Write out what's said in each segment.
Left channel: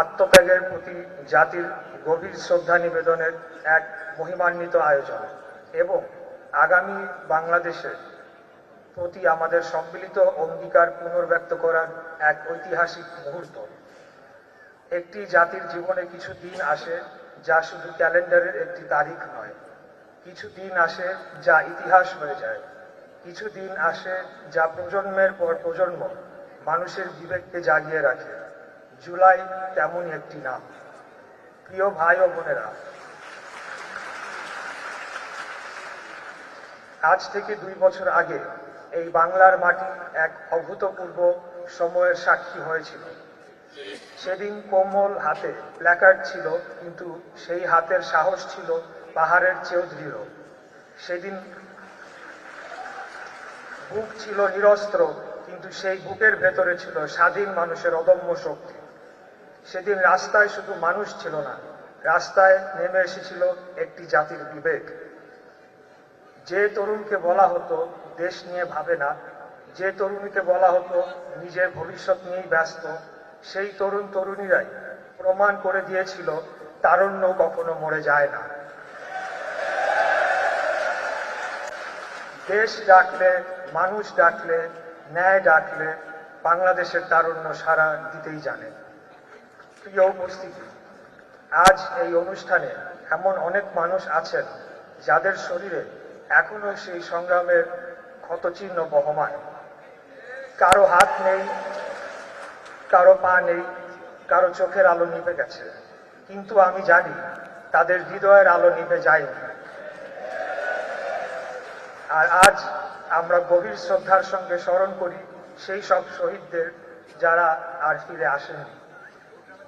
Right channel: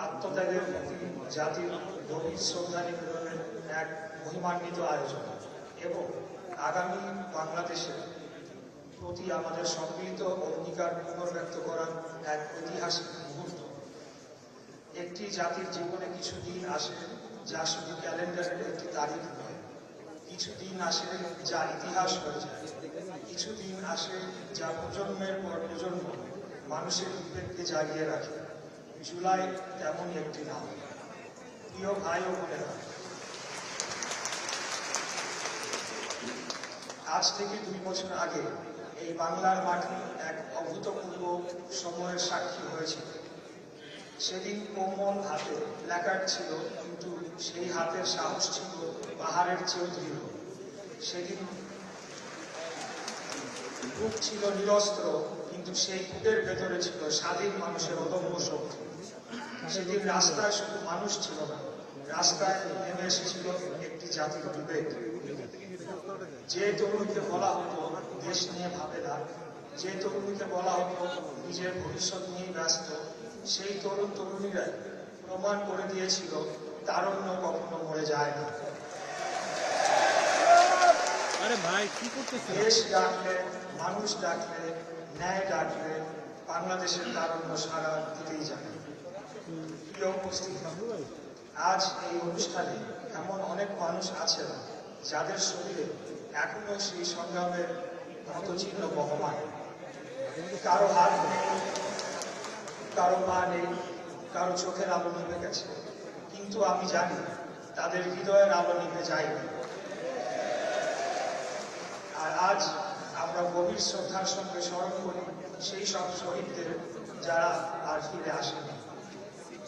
আত্মত্যাগের প্রতি জাতির গভীর শ্রদ্ধা নিবেদনের এক মহিমান্বিত আয়োজন এবং আগামী বাংলাদেশের প্রতি আমাদের সম্মিলিত অঙ্গীকার পুনর্ব্যক্ত করার এক ঐতিহাসিক মুহূর্ত। একটি জাতির জীবনে কিছু দিন আসে যা শুধু ক্যালেন্ডারের একটি তারিখ নয়, কিছু দিন আসে যা ইতিহাস হয়ে যায়, কিছু দিন আসে যা প্রজন্মের পর প্রজন্ম মানুষের বিবেককে জাগিয়ে রাখে। জুলাই তেমনই একটি নাম। প্রিয় ভাই ও বোনেরা, আজ থেকে 2 বছর আগে এই বাংলার মাটি এক অভূতপূর্ব সময়ের সাক্ষী হয়েছিল। সেদিন কোমল হাতে প্ল্যাকার্ড ছিল, কিন্তু সেই হাতের সাহস ছিল পাহাড়ের চেয়েও দৃঢ়। সেদিন বুক ছিল নিরস্ত্র, কিন্তু সেই বুকের ভেতরে ছিল স্বাধীন মানুষের অদম্য শক্তি। সেদিন রাস্তায় শুধু মানুষ ছিল না, রাস্তায় নেমে এসেছিল একটি জাতির বিবেক। যে তরুণকে বলা হতো দেশ নিয়ে ভাবে না, যে তরুণীকে বলা হতো নিজের ভবিষ্যৎ নিয়েই ব্যস্ত, সেই তরুণ তরুণীরাই প্রমাণ করে দিয়েছিল তারুণ্য কখনো মরে যায় না। দেশ ডাকলে, মানুষ ডাকলে, ন্যায় ডাকলে বাংলাদেশের তারুণ্য সারা দিতেই জানে। প্রিয় উপস্থিতি, আজ এই অনুষ্ঠানে এমন অনেক মানুষ আছেন যাদের শরীরে এখনো সেই সংগ্রামের ক্ষতচিহ্ন বহমান। কারো হাত নেই, কারো পা নেই, কারো চোখের আলো নিভে গেছে, কিন্তু আমি জানি তাদের হৃদয়ের আলো নিভে যায়নি। আর আজ আমরা গভীর শ্রদ্ধার সঙ্গে স্মরণ করি সেই সব শহীদদের যারা আর ফিরে আসেনি।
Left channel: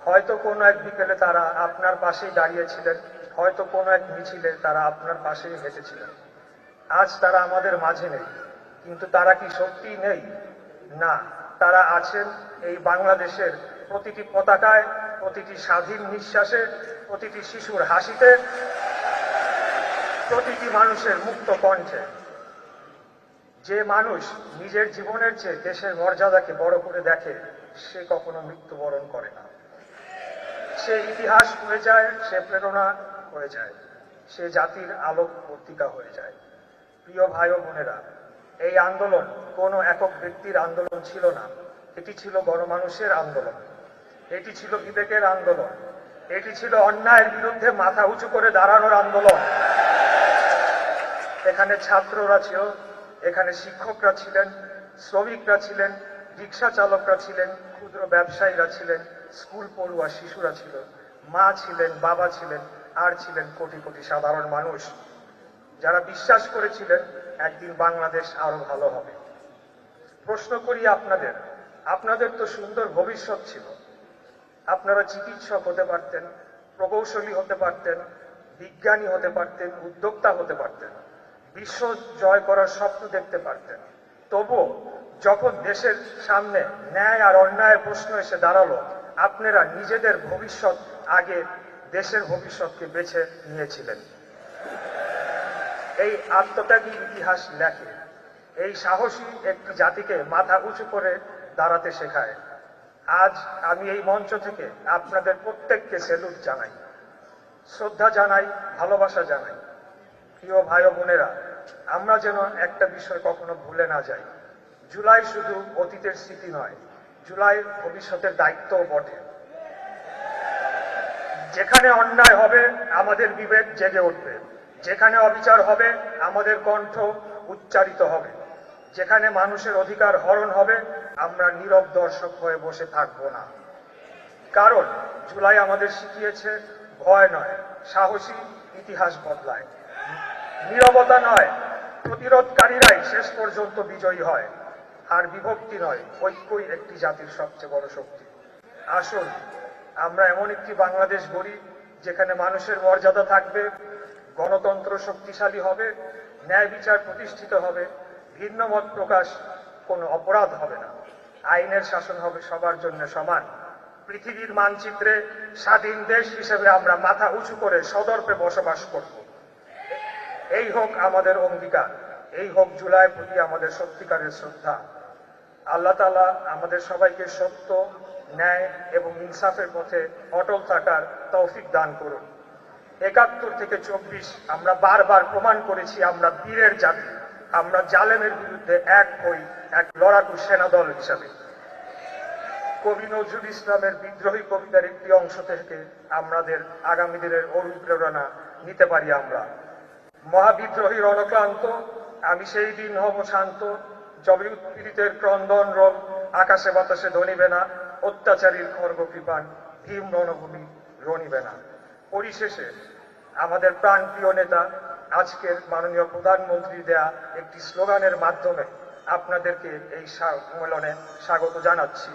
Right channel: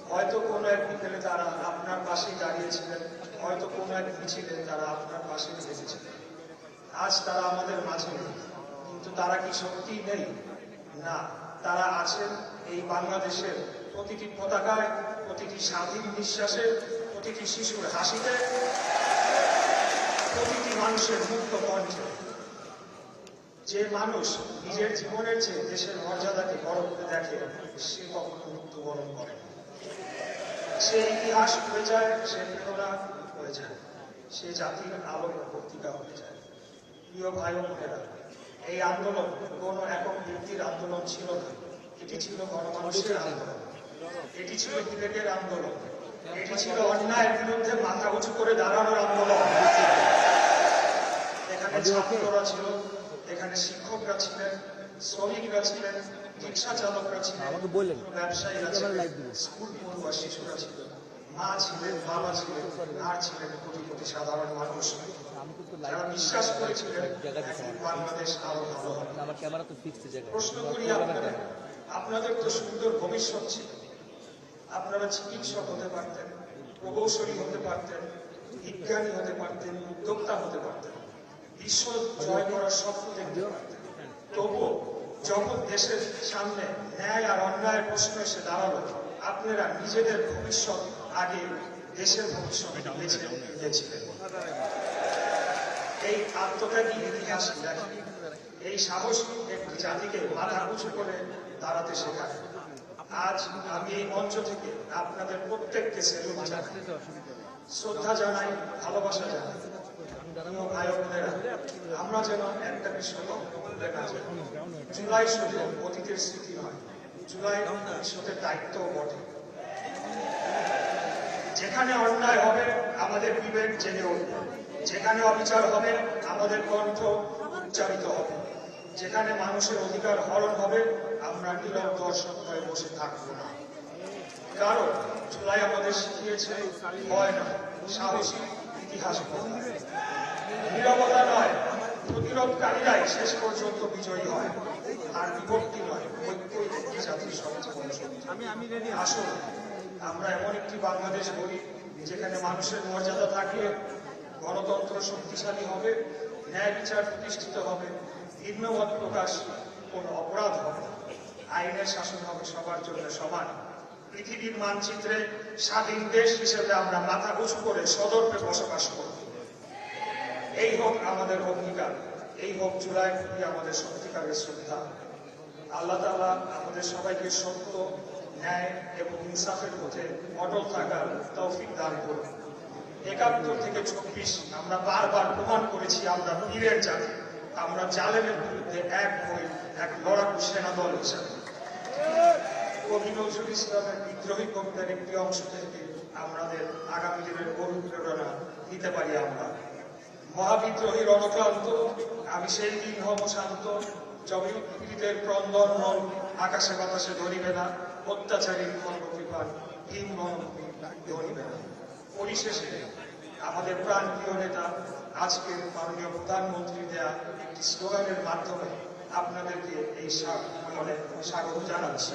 হয়তো কোনো এক বিকেলে তারা আপনার পাশেই দাঁড়িয়েছিলেন, হয়তো কোনো এক মিছিলে তারা আপনার পাশেই হেঁটেছিলেন। আজ তারা আমাদের মাঝে নেই, কিন্তু তারা কি সত্যিই নেই? না, তারা আছেন এই বাংলাদেশের প্রতিটি পতাকায়, প্রতিটি স্বাধীন নিঃশ্বাসে, প্রতিটি শিশুর হাসিতে, প্রতিটি মানুষের মুক্ত কণ্ঠে। যে মানুষ নিজের জীবনের চেয়ে দেশের মর্যাদাকে বড় করে দেখে, সে কখনো মৃত্যুবরণ করে না। সে ইতিহাস হয়ে যায়, সে প্রেরণা হয়ে যায়, সে জাতির আলোক প্রতিকা হয়ে যায়। প্রিয় ভাই ও বোনেরা, এই আন্দোলন কোনো একক ব্যক্তির আন্দোলন ছিল না, এটি ছিল গণমানুষের আন্দোলন, এটি ছিল বিবেকের আন্দোলন, এটি ছিল অন্যায়ের বিরুদ্ধে মাথা উঁচু করে দাঁড়ানোর আন্দোলন। এখানে ছাত্ররা ছিল, এখানে শিক্ষকরা ছিলেন, শ্রমিকরা ছিলেন, রিক্সা চালকরা ছিলেন, ব্যবসায়ীরা ছিলেন, স্কুল পড়ুয়া শিশুরা ছিলেন, মা ছিলেন, বাবা ছিলেন, আর ছিলেন কোটি কোটি সাধারণ মানুষ যারা বিশ্বাস করেছিলেন একদিন বাংলাদেশ আরো ভালো হবে। প্রশ্ন করি আপনাদের, আপনাদের তো সুন্দর ভবিষ্যৎ ছিল। আপনারা চিকিৎসক হতে পারতেন, প্রকৌশলী হতে পারতেন, বিজ্ঞানী হতে পারতেন, উদ্যোক্তা হতে পারতেন, বিশ্ব জয় করার স্বপ্ন দেখতে পারতেন। তবুও যখন দেশের সামনে ন্যায় আর অন্যায়ের প্রশ্ন এসে দাঁড়ালো, আপনারা নিজেদের ভবিষ্যৎ আগে দেশের ভবিষ্যৎকে বেছে নিয়েছিলেন। এই আত্মত্যাগী ইতিহাস লেখে, এই সাহসী একটি জাতিকে মাথা উঁচু করে দাঁড়াতে শেখায়। আজ আমি এই মঞ্চ থেকে আপনাদের প্রত্যেককে সেলুট জানাই, শ্রদ্ধা জানাই, ভালোবাসা জানাই। প্রিয় ভাই ও বোনেরা, আমরা যেন একটা বিষয় কখনো ভুলে না যাই। জুলাই শুধু অতীতের স্মৃতি নয়, জুলাই ভবিষ্যতের দায়িত্বও বটে। যেখানে অন্যায় হবে আমাদের বিবেক জেগে উঠবে, যেখানে অবিচার হবে আমাদের কণ্ঠ উচ্চারিত হবে, যেখানে মানুষের অধিকার হরণ হবে আমরা নীরব দর্শক হয়ে বসে থাকবো না। কারণ জুলাই আমাদের শিখিয়েছে ভয় নয়, সাহসী ইতিহাস বদলায়। নীরবতা নয়, প্রতিরোধকারীরাই শেষ পর্যন্ত বিজয়ী হয়। আর বিভক্তি নয়, ঐক্যই একটি জাতির সবচেয়ে বড় শক্তি। আসুন আমরা এমন একটি বাংলাদেশ গড়ি যেখানে মানুষের মর্যাদা থাকবে, গণতন্ত্র শক্তিশালী হবে, ন্যায় বিচার প্রতিষ্ঠিত হবে, ভিন্নমত প্রকাশ কোনো অপরাধ হবে না, আইনের শাসন হবে সবার জন্য সমান। পৃথিবীর মানচিত্রে স্বাধীন দেশ হিসেবে আমরা মাথা উঁচু করে সদর্পে বসবাস করব। এই হোক আমাদের অঙ্গীকার, এই হোক জুলাইয়ের প্রতি আমাদের সত্যিকারের শ্রদ্ধা। আল্লাহ তাআলা আমাদের সবাইকে সত্য, ন্যায় এবং ইনসাফের পথে অটল থাকার তৌফিক দান করুন। ৭১ থেকে ২৪ আমরা বারবার প্রমাণ করেছি আমরা বীরের জাতি, আমরা জালেমের বিরুদ্ধে এক হই, এক লড়াকু সেনাদল হিসাবে। কবি নজরুল ইসলামের বিদ্রোহী কবিতার একটি অংশ থেকে আমাদের আগামী দিনের অনুপ্রেরণা নিতে পারি আমরা। মহাবিদ্রোহীর অনক্লান্ত, আমি সেই দিন হব শান্ত, যবে পীড়িতের ক্রন্দন রোগ আকাশে বাতাসে ধরিবে না, অত্যাচারীর খর্গকৃপান ভীম রণভূমি রণিবে না। পরিশেষে আমাদের প্রাণপ্রিয় নেতা আজকের মাননীয় প্রধানমন্ত্রী দেয়া একটি স্লোগানের মাধ্যমে আপনাদেরকে এই সম্মেলনে স্বাগত জানাচ্ছি।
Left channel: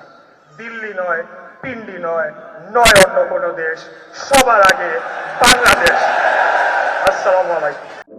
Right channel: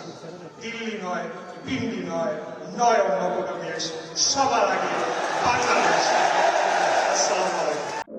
দিল্লি নয়, পিন্ডি নয়, নয় অন্য কোনো দেশ, সবার আগে বাংলাদেশ। আসসালামু আলাইকুম।